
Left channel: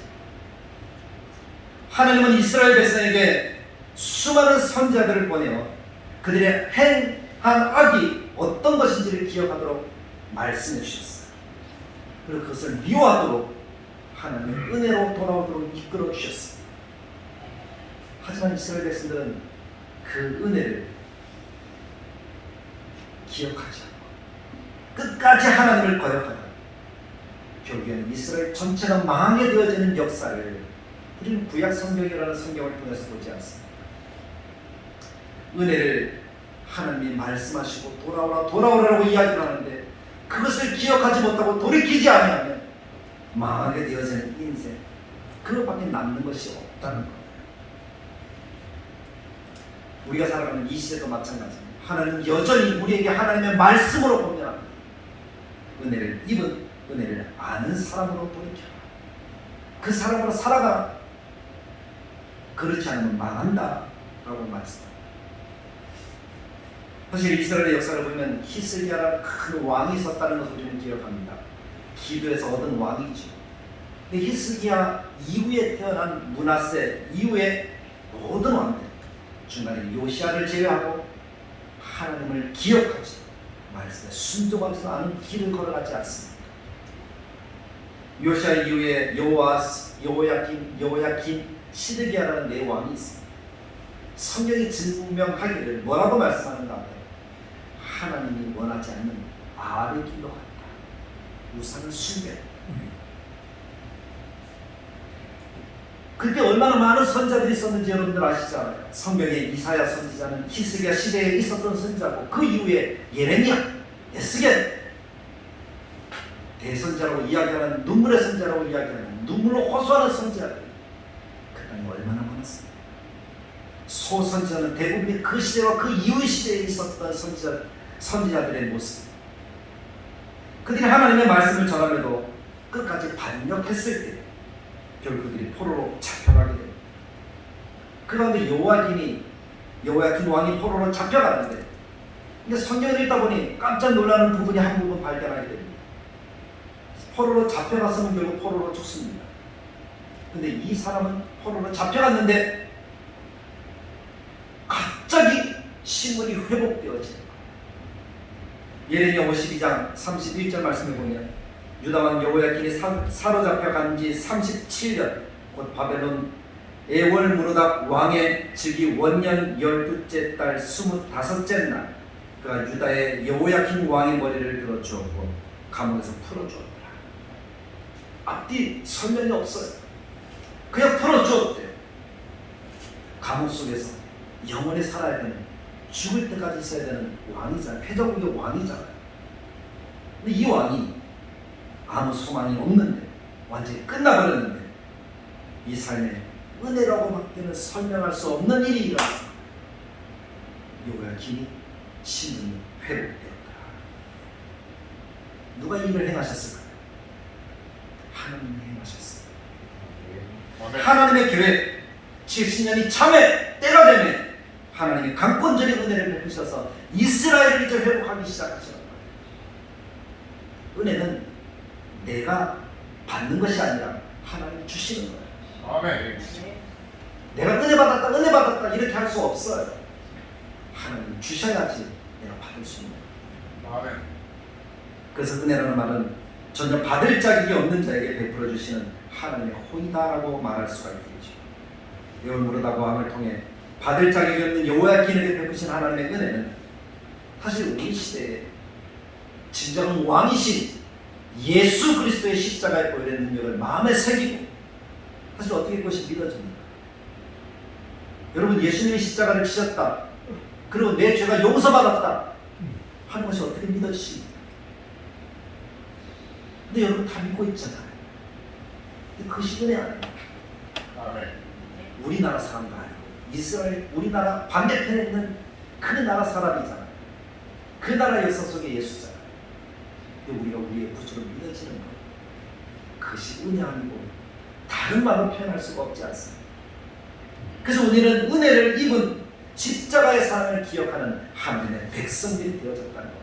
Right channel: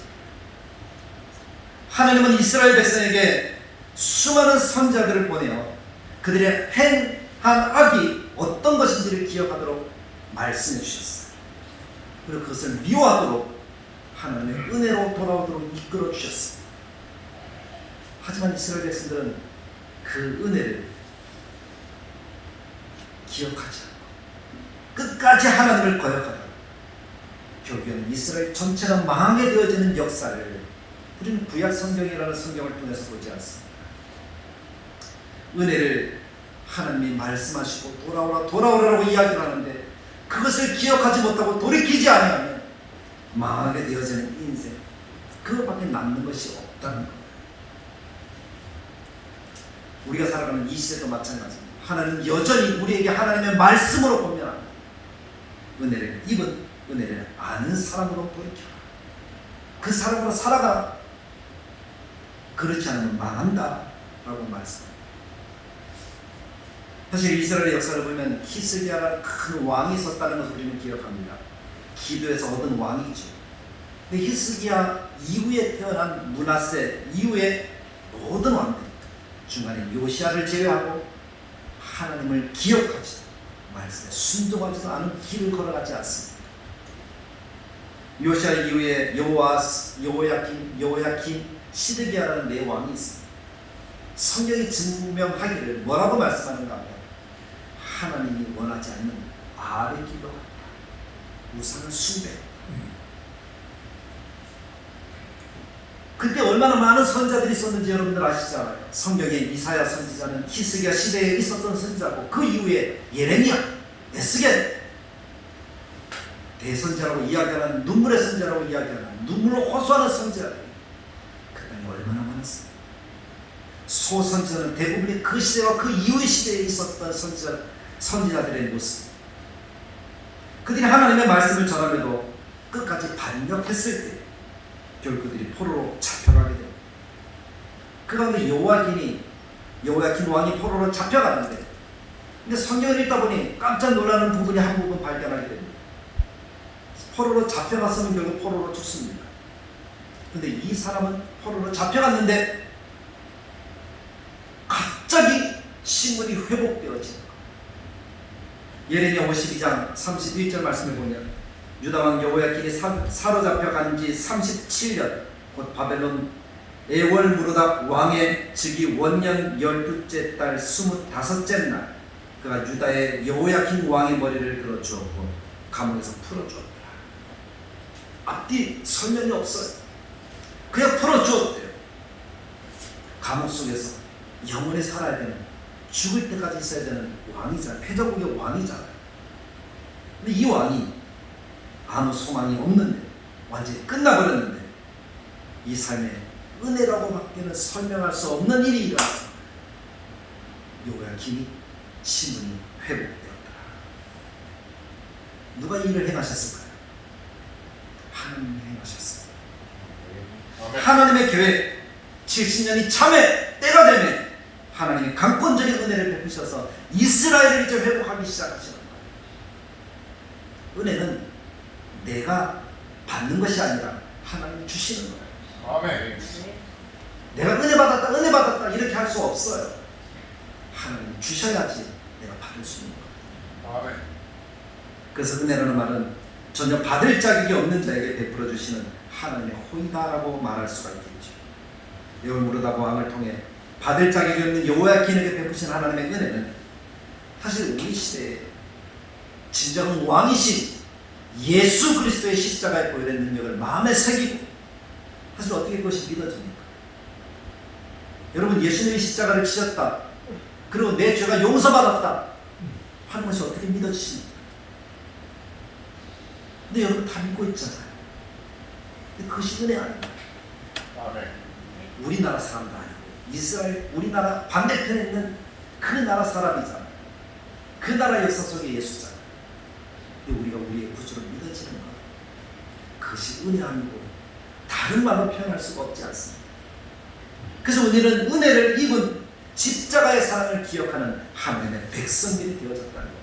하나님은 이스라엘 백성에게 수많은 선지자들을 보내어 그들의 행한 악이 어떤 것인지를 기억하도록 말씀해 주셨어요. 그리고 그것을 미워하도록 하나님의 은혜로 돌아오도록 이끌어 주셨어요. 하지만 이스라엘 백성들은 그 은혜를 기억하지 않고 끝까지 하나님을 거역하다 결국에는 이스라엘 전체가 망하게 되어지는 역사를 우리는 구약 성경이라는 성경을 통해서 보지 않습니다. 은혜를 하나님이 말씀하시고 돌아오라고 이야기를 하는데 그것을 기억하지 못하고 돌이키지 않으면 망하게 되어지는 인생, 그것밖에 남는 것이 없다는 거예요. 우리가 살아가는 이 시대도 마찬가지입니다. 하나님은 여전히 우리에게 하나님의 말씀으로 공면합니다. 은혜를 입은, 은혜를 아는 사람으로 돌이켜라. 그 사람으로 살아가. 그렇지 않으면 망한다 라고 말씀합니다. 사실 이스라엘의 역사를 보면 히스기야라는 큰 왕이 있었다는 것을 우리는 기억합니다. 기도에서 얻은 왕이죠. 근데 히스기야 이후에 태어난 므낫세 이후에 모든 왕들 중간에 요시야를 제외하고 하나님을 기억하지 말씀에 순종하지도 않은 길을 걸어가지 않습니다. 요시야 이후에 여호야kim, 시드기야라는 네 왕이 있습니다. 성경이 증명하기를 뭐라고 말씀하는가 하면 하나님이 원하지 않는 아의 길로 우상을 숭배. 그때 얼마나 많은 선자들이 있었는지 여러분들 아시잖아요. 성경에 이사야 선지자는 히스기야 시대에 있었던 선지자고 그 이후에 예레미야, 에스겔 대선자라고 이야기하는 눈물의 선지자라고 이야기하는 눈물로 호소하는 선지자들 그 땅에 얼마나 많았어요. 소선지자는 대부분이 그 시대와 그 이후의 시대에 있었던 선지자들의 모습. 그들이 하나님의 말씀을 전하며도 끝까지 반역했을 때 결국 그들이 포로로 잡혀가게 됩니다. 그 가운데 여호야kim 왕이 포로로 잡혀갔는데 근데 성경을 읽다 보니 깜짝 놀라는 부분이 한 부분 발견하게 됩니다. 포로로 잡혀갔으면 결국 포로로 죽습니다. 근데 이 사람은 포로로 잡혀갔는데 갑자기 신분이 회복되어지는 거예요. 예레미야 52장 31절 말씀을 보면 유다왕 여호야김이 사로잡혀간 지 37년 곧 바벨론 에월무르닥 왕의 즉위 원년 12째 달 25째 날 그가 유다의 여호야김 왕의 머리를 들어주었고 감옥에서 풀어주었다. 앞뒤 설명이 없어요. 그냥 풀어주었대요. 감옥 속에서 영원히 살아야 되는 죽을 때까지 있어야 되는 왕이잖아요. 패저국의 왕이잖아요. 근데 이 왕이 아무 소망이 없는데 완전히 끝나버렸는데 이 삶에 은혜라고밖에는 설명할 수 없는 일이 일어났습니다. 여호야김이 신분이 회복되었다. 누가 이 일을 행하셨을까요? 하나님이 행하셨습니다. 하나님의 계획 70년이 참에 때가 되면 하나님이 강권적인 은혜를 베푸셔서 이스라엘을 이제 회복하기 시작하시는 거예요. 은혜는 내가 받는 것이 아니라 하나님이 주시는 거예요. 아멘. 내가 은혜 받았다 이렇게 할 수 없어요. 하나님이 주셔야지 내가 받을 수 있는 거예요. 아멘. 그래서 은혜라는 말은 전혀 받을 자격이 없는 자에게 베풀어 주시는 하나님의 호의다라고 말할 수가 있겠죠. 여호무르닥 왕을 통해 받을 자격이 없는 여호야김에게 베푸신 하나님의 은혜는 사실 우리 시대에 진정 왕이신 예수 그리스도의 십자가의 보혈의 능력을 마음에 새기고 사실 어떻게 그것이 믿어집니까? 여러분 예수님이 십자가를 지셨다 그리고 내 죄가 용서받았다 하는 것이 어떻게 믿어지십니까? 근데 여러분 다 믿고 있잖아요. 근데 그것이 은혜 아니에요. 아멘. 우리나라 사람도 아니고 이스라엘 우리나라 반대편에 있는 그 나라 사람이잖아요. 그 나라 역사 속의 예수잖아요. 근데 우리가 우리의 구주로 믿어지는 것 그것이 은혜 아니고 다른 말로 표현할 수가 없지 않습니다. 그래서 우리는 은혜를 입은 십자가의 사랑을 기억하는 하나님의 백성들이 되어졌다는 것.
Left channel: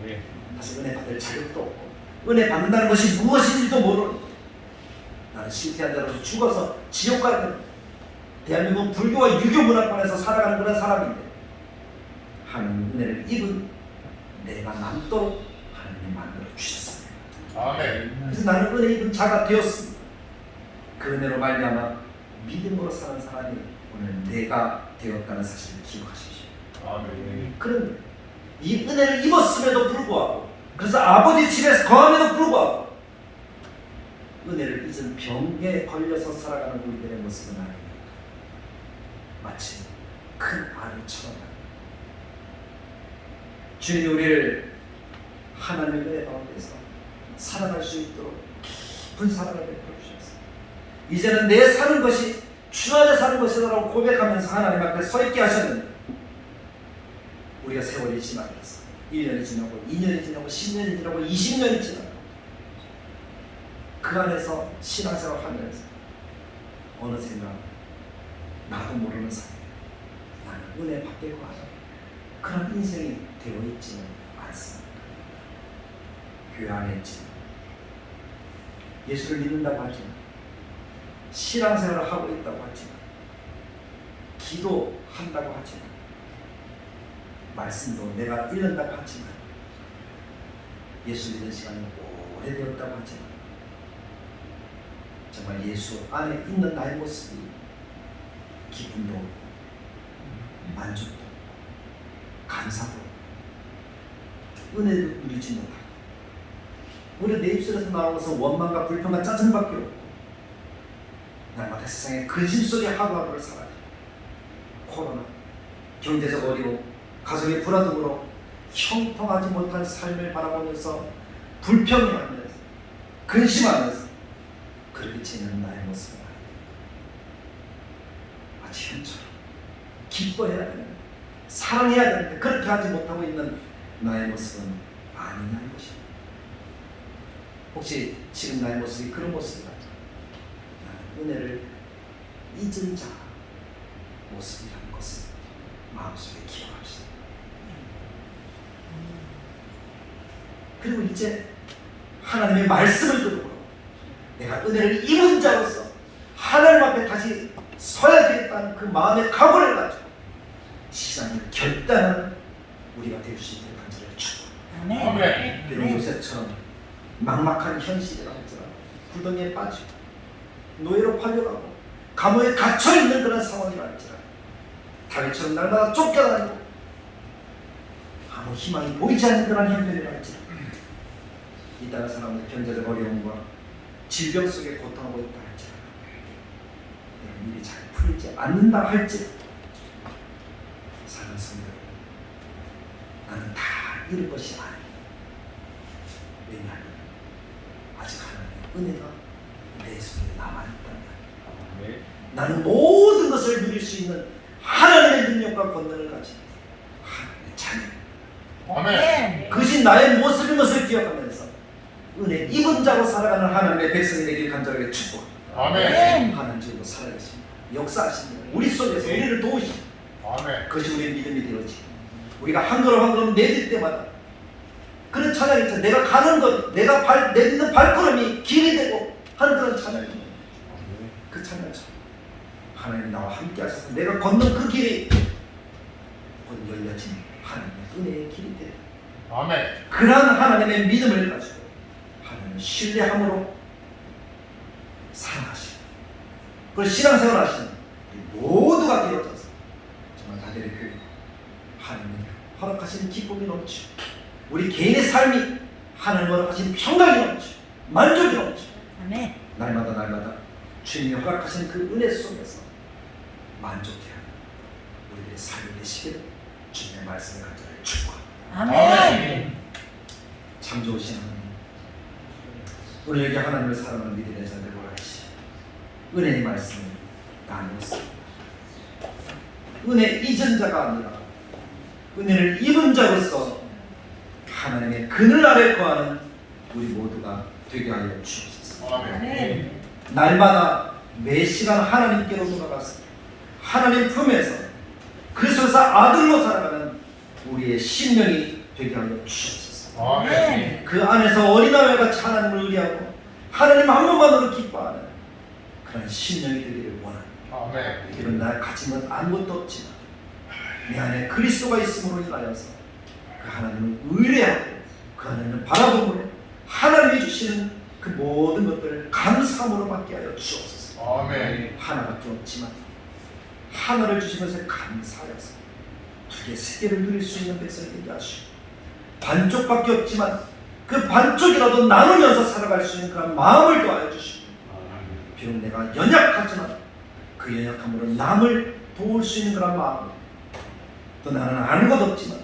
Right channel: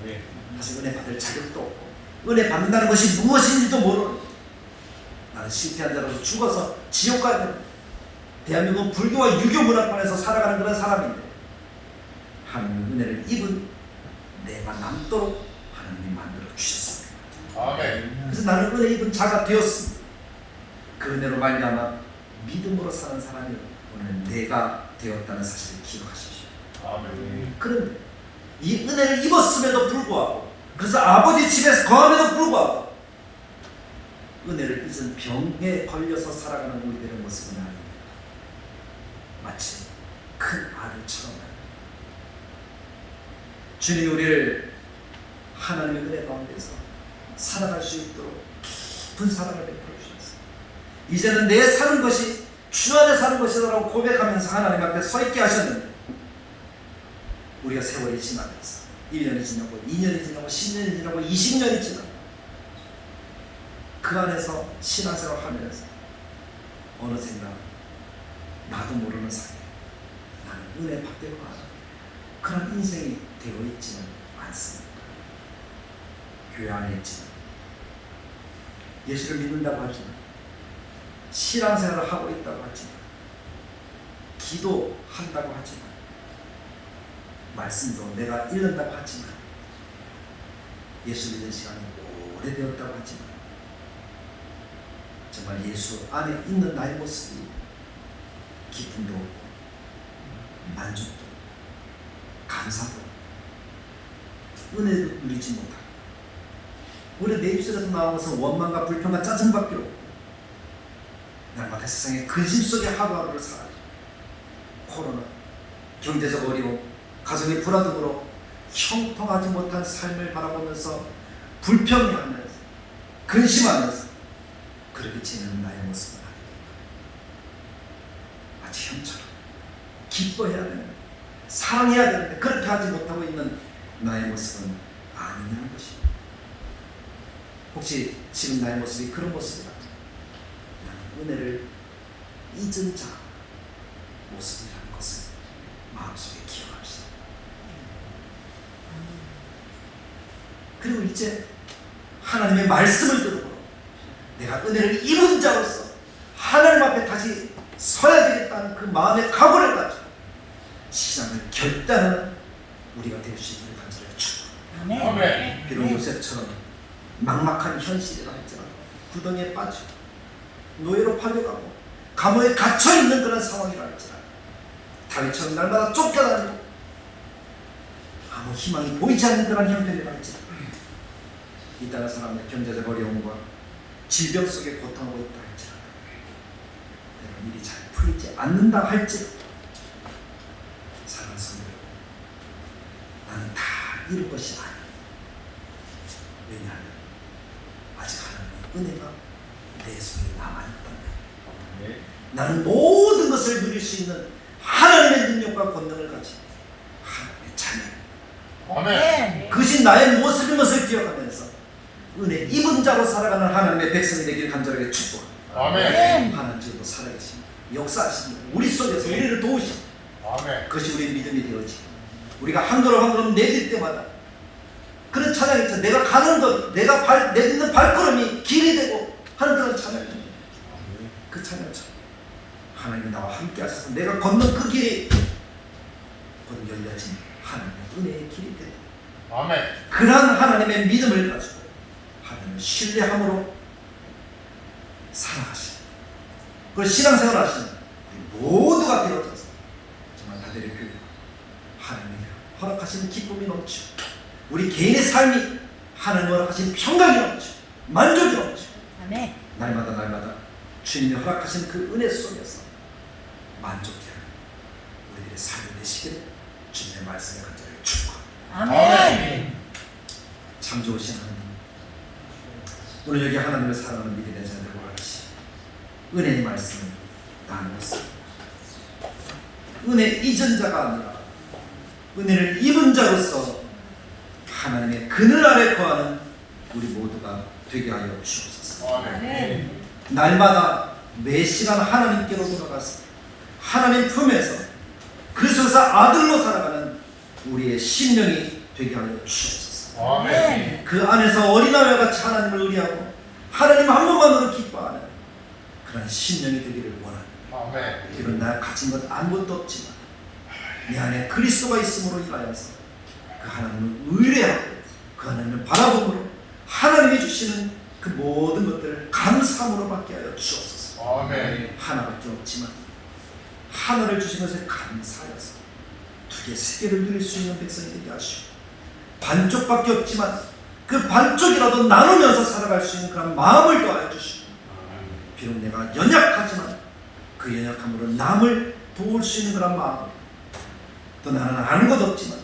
아멘. 다시 은혜 받을 자격도 없고 은혜 받는다는 것이 무엇인지도 모르는, 나는 실패한 자로서 죽어서 지옥 가는, 대한민국 불교와 유교 문화권에서 살아가는 그런 사람인데 하나님 은혜를 입은 내가 남도록 하나님이 만들어 주셨습니다. 아멘. 그래서 나는 은혜 입은 자가 되었습니다. 그 은혜로 말미암아 믿음으로 사는 사람이 오늘 내가 되었다는 사실을 기억하십시오. 아멘. 그런데 이 은혜를 입었음에도 불구하고, 그래서 아버지 집에서 거함에도 불구하고 은혜를 잊은 병에 걸려서 살아가는 우리들의 모습은 아닙니다. 마치 큰 아들처럼 주님이 우리를 하나님의 은혜 가운데서 살아갈 수 있도록 깊은 사랑을 베풀어 주셨습니다. 이제는 내 사는 것이 주 안에 사는 것이라고 고백하면서 하나님 앞에 서 있게 하셨는데, 우리가 세월이 지나면서 1년이 지나고 2년이 지나고 10년이 지나고 20년이 지나고 그 안에서 신앙생활을 하면서 어느샌가 나도 모르는 사이에 나는 은혜 받기로 하는 그런 인생이 되어 있지는 않습니다. 교회 안에 있지만, 예수를 믿는다고 하지만, 신앙생활을 하고 있다고 하지만, 기도한다고 하지만, 말씀도 내가 읽는다고 하지만, 예수 믿는 시간이 오래되었다고 하지만, 정말 예수 안에 있는 나의 모습이 기쁨도 없고 만족도 없고 감사도 없고 은혜도 누리지 못하고, 우리 내 입술에서 나오는 것은 원망과 불평과 짜증밖에 없고 날마다 세상의 근심 속에 하루하루를 살아요. 코로나, 경제적 어려움, 가정의 불화등으로 형통하지 못한 삶을 바라보면서 불평하면서 근심하면서 그렇게 지내는 나의 모습은 아닙니다. 마치 형처럼 기뻐해야 되는데, 사랑해야 되는데 그렇게 하지 못하고 있는 나의 모습은 아니냐는 것입니다. 혹시 지금 나의 모습이 그런 모습이다, 은혜를 잊은 자 모습이라는 것을 마음속에 기억하시오. 그리고 이제 하나님의 말씀을 듣고 내가 은혜를 입은 자로서 하나님 앞에 다시 서야 되겠다는 그 마음의 각오를 가지고 시장을 결단하는 우리가 될 수 있기를 간절히 축복합니다. 아멘. 비록 요셉처럼 막막한 현실이라 할지라도 구덩이에 빠지고 노예로 팔려가고 감옥에 갇혀있는 그런 상황이라 할지라도 다윗처럼 날마다 쫓겨다니고 아무 희망이 보이지 않는 그런 형편이라 할지라도 이 땅의 사람의 경제적 어려움과 질병 속에 고통하고 있다 할지라도 이런 일이 잘 풀리지 않는다 할지라도 사랑하는 성도, 나는 다 잃을 것이 아니야. 왜냐하면 아직 하나님의 은혜가 내 속에 남아있다면 나는 모든 것을 누릴 수 있는 하나님의 능력과 권능을 가진 하나님의 자녀, 아멘. 그것이 나의 모습인 것을 기억하면서 은혜 입은 자로 살아가는 하나님의 백성이 되길 간절하게 축복합니다. 아멘. 하나님 지금도 살아계십니다. 역사하십니다. 우리 속에서 우리를 도우십니다. 아멘. 그것이 우리의 믿음이 되어지, 우리가 한 걸음 한 걸음 내딜 때마다 그런 찬양이 있죠. 내가 가는 것, 내가 내딛는 발걸음이 길이 되고 하는 그런 찬양입니다. 그 찬양처럼 하나님이 나와 함께 하셔서 내가 걷는 그 길이 곧 열려진 하나님의 은혜의 길이 되네. 아멘. 그러한 하나님의 믿음을 가지고 하나님을 신뢰함으로 살아가시는, 그걸 신앙생활 하시는 모두가 되어져서 정말 나들의 교회 하나님이 허락하시는 기쁨이 넘치고 우리 개인의 삶이 하나님 허락하신 평강이 넘치고 만족이 넘치고 아멘. 날마다 주님이 허락하신 그 은혜 속에서 만족해하는 우리들의 삶이 되시기를 주님의 말씀을 간절히 축복합니다. 아멘. 참 좋으신 하나님, 오늘 여기 하나님을 사랑하는 믿음의 자들과 같이 은혜의 말씀을 나누었습니다. 은혜 잊은 자가 아니라 은혜를 입은 자로서 하나님의 그늘 아래 거하는 우리 모두가 되게 하여 주옵소서. 아멘. 날마다 매 시간 하나님께로 돌아가서 하나님 품에서 그 속에서 아들로 살아가는 우리의 심령이 되게 하여 주옵소서. 아멘. 그 안에서 어린아이와 같이 하나님을 의뢰하고 하나님 한 번만으로 기뻐하는 그런 심령이 되기를 원합니다. 아멘. 이런 날 가진 것 아무것도 없지만 내 안에 그리스도가 있음으로 인하여서 그 하나님을 의뢰하고 그 하나님을 바라보므로 하나님이 주시는 그 모든 것들을 감사함으로 받게 하여 주옵소서. 아멘. 하나밖에 없지만 하나를 주신 것에 감사하여서 두 개, 세 개를 누릴 수 있는 백성이 되게 하시고 반쪽밖에 없지만 그 반쪽이라도 나누면서 살아갈 수 있는 그런 마음을 더하여 주시고 비록 내가 연약하지만 그 연약함으로 남을 도울 수 있는 그런 마음 또 나는 아는 것 없지만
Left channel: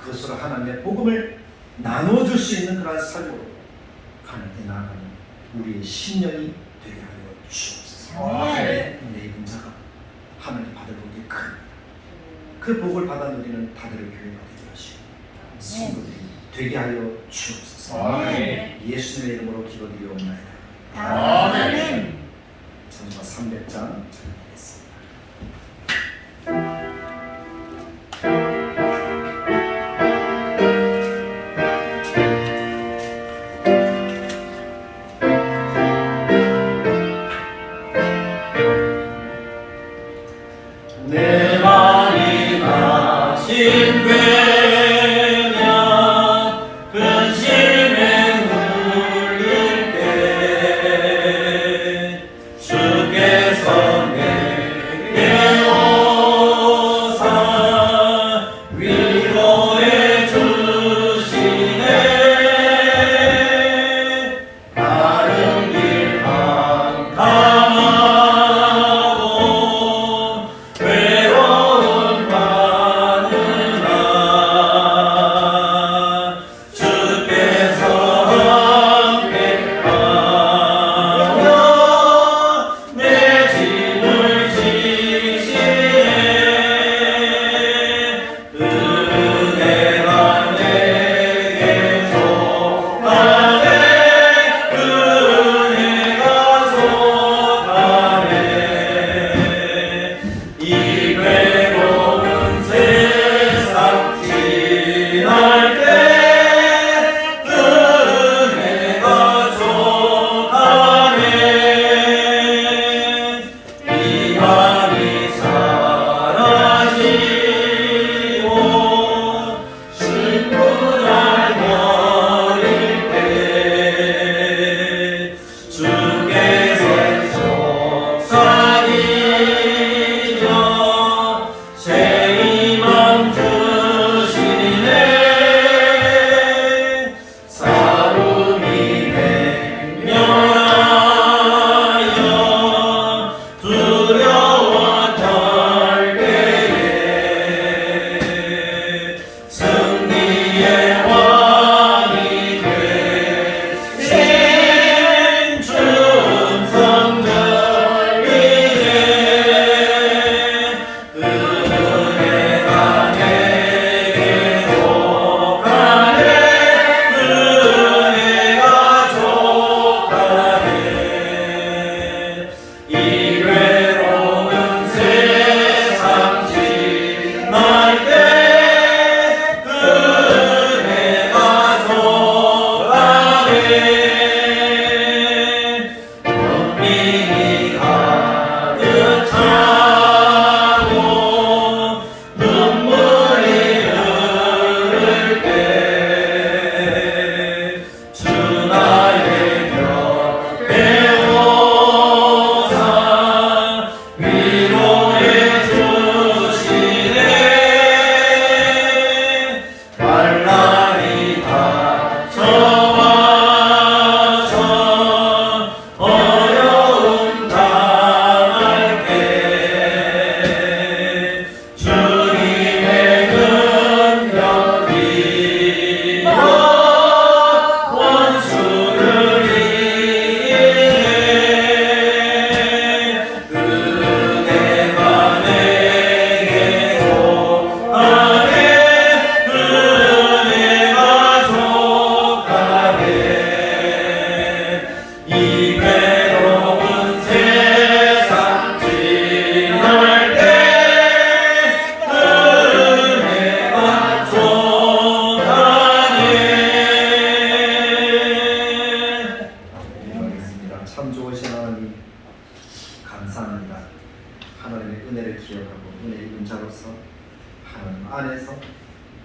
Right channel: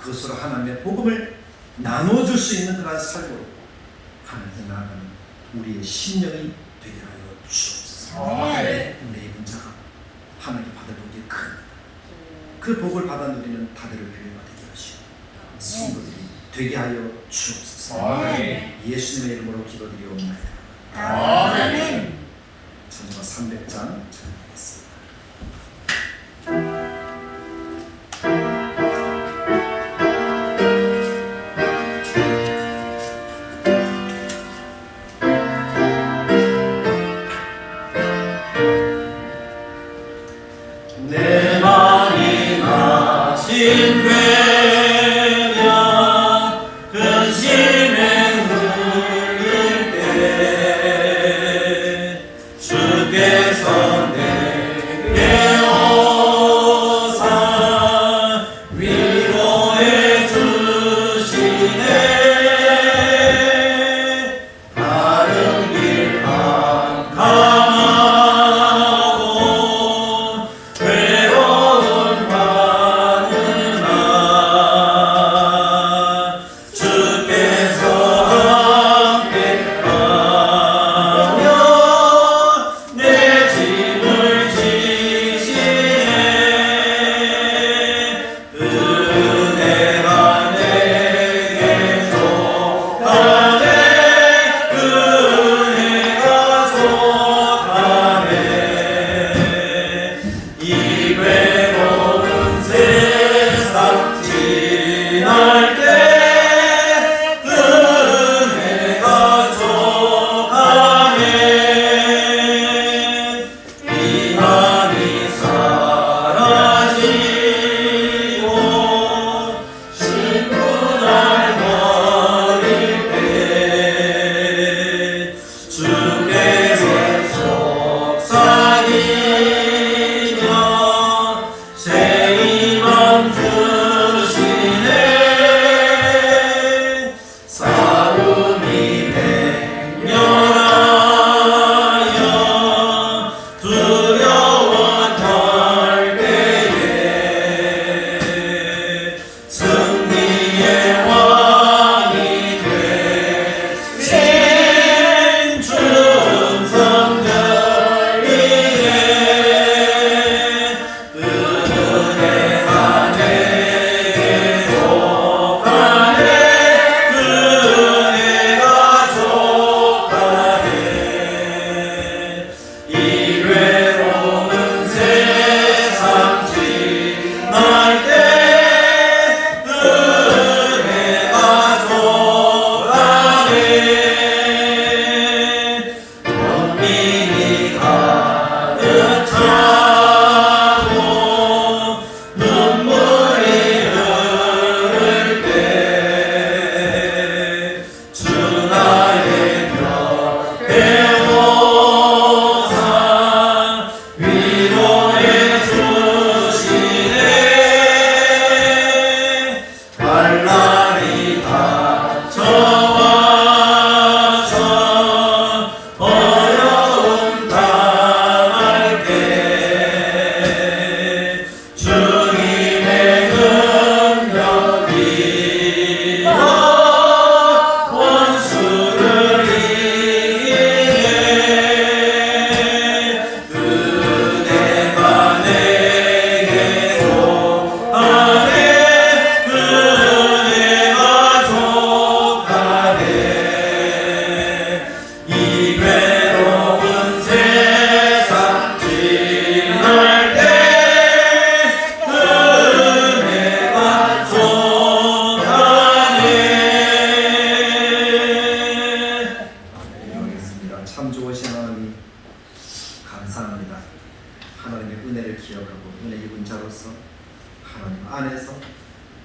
그것으로 하나님의 복음을 나눠줄 수 있는 그런 삶으로 하나님께 나아가는 우리의 심령이 되게 하여 주옵소서. 아멘. 내 입은 자가 하나님께 받을 복이 큰 그 복을 받아 누리는 다들의 교회가 되게 하시고 성도들이 되게 하여 주옵소서. 아멘. 예수님의 이름으로 기도드리옵나이다. 아멘. 전과 300장 전하겠습니다. 내 마음이 나신 되며 근심에 누를 때 주께서 내게 오사 위로해 주시네 바른 길 감하고 외로운 밤은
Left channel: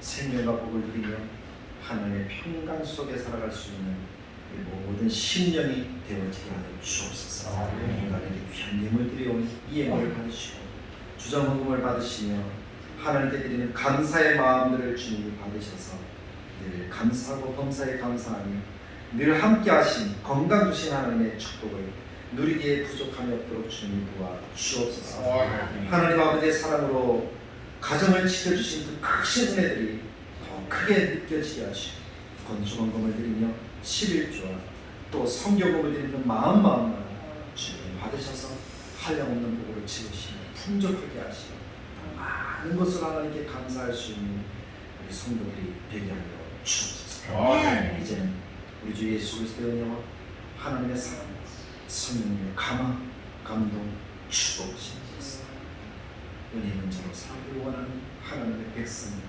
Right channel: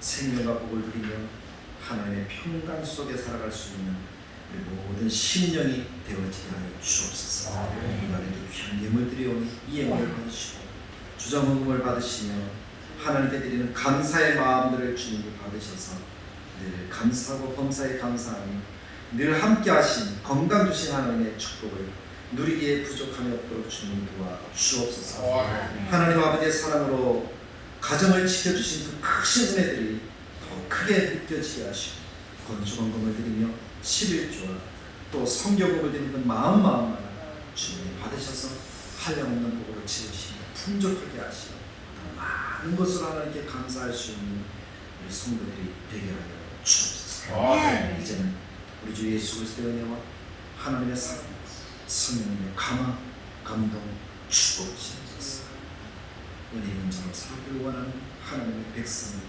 생명과 복을 누리며 하나님의 평강 속에 살아갈 수 있는 우리 모든 심령이 되어지게 하여 주옵소서. 이번에도 귀한 예물 드려온 이 예물을 받으시고 주정헌금을 받으시며 하나님께 드리는 감사의 마음들을 주님이 받으셔서 늘 감사하고 범사에 감사하며 늘 함께 하신 건강 주신 하나님의 축복을 누리기에 부족함이 없도록 주님이 도와 주옵소서. 하나님 아버지의 사랑으로 가정을 지켜주신 그 크신 은혜들이 더 크게 느껴지게 하시고 건축원금을 드리며 11조와 또 성교금을 드리는 마음마다 주님 받으셔서 한량없는 복으로 지으시며 풍족하게 하시며 많은 것으로 하나님께 감사할 수 있는 우리 성도들이 되게 하여 주옵소서. 이제는 우리 주 예수 그리스도의 은혜와 하나님의 사랑, 성령님의 감화, 감동, 축복하시옵소서. 은혜 있는 자로 살기를 원하는 하나님의 백성들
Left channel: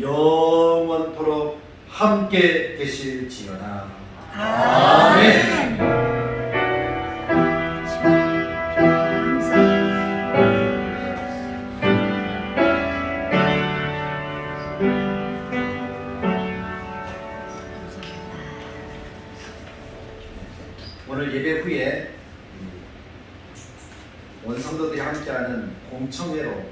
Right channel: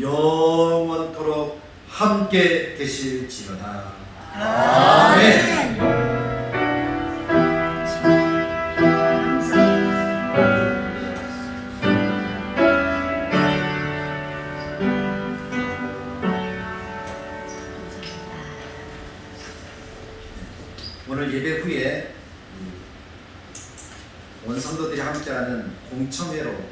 영원토록 함께 계실지어다. 아멘. 오늘 예배 후에 원성도들이 함께하는 공청회로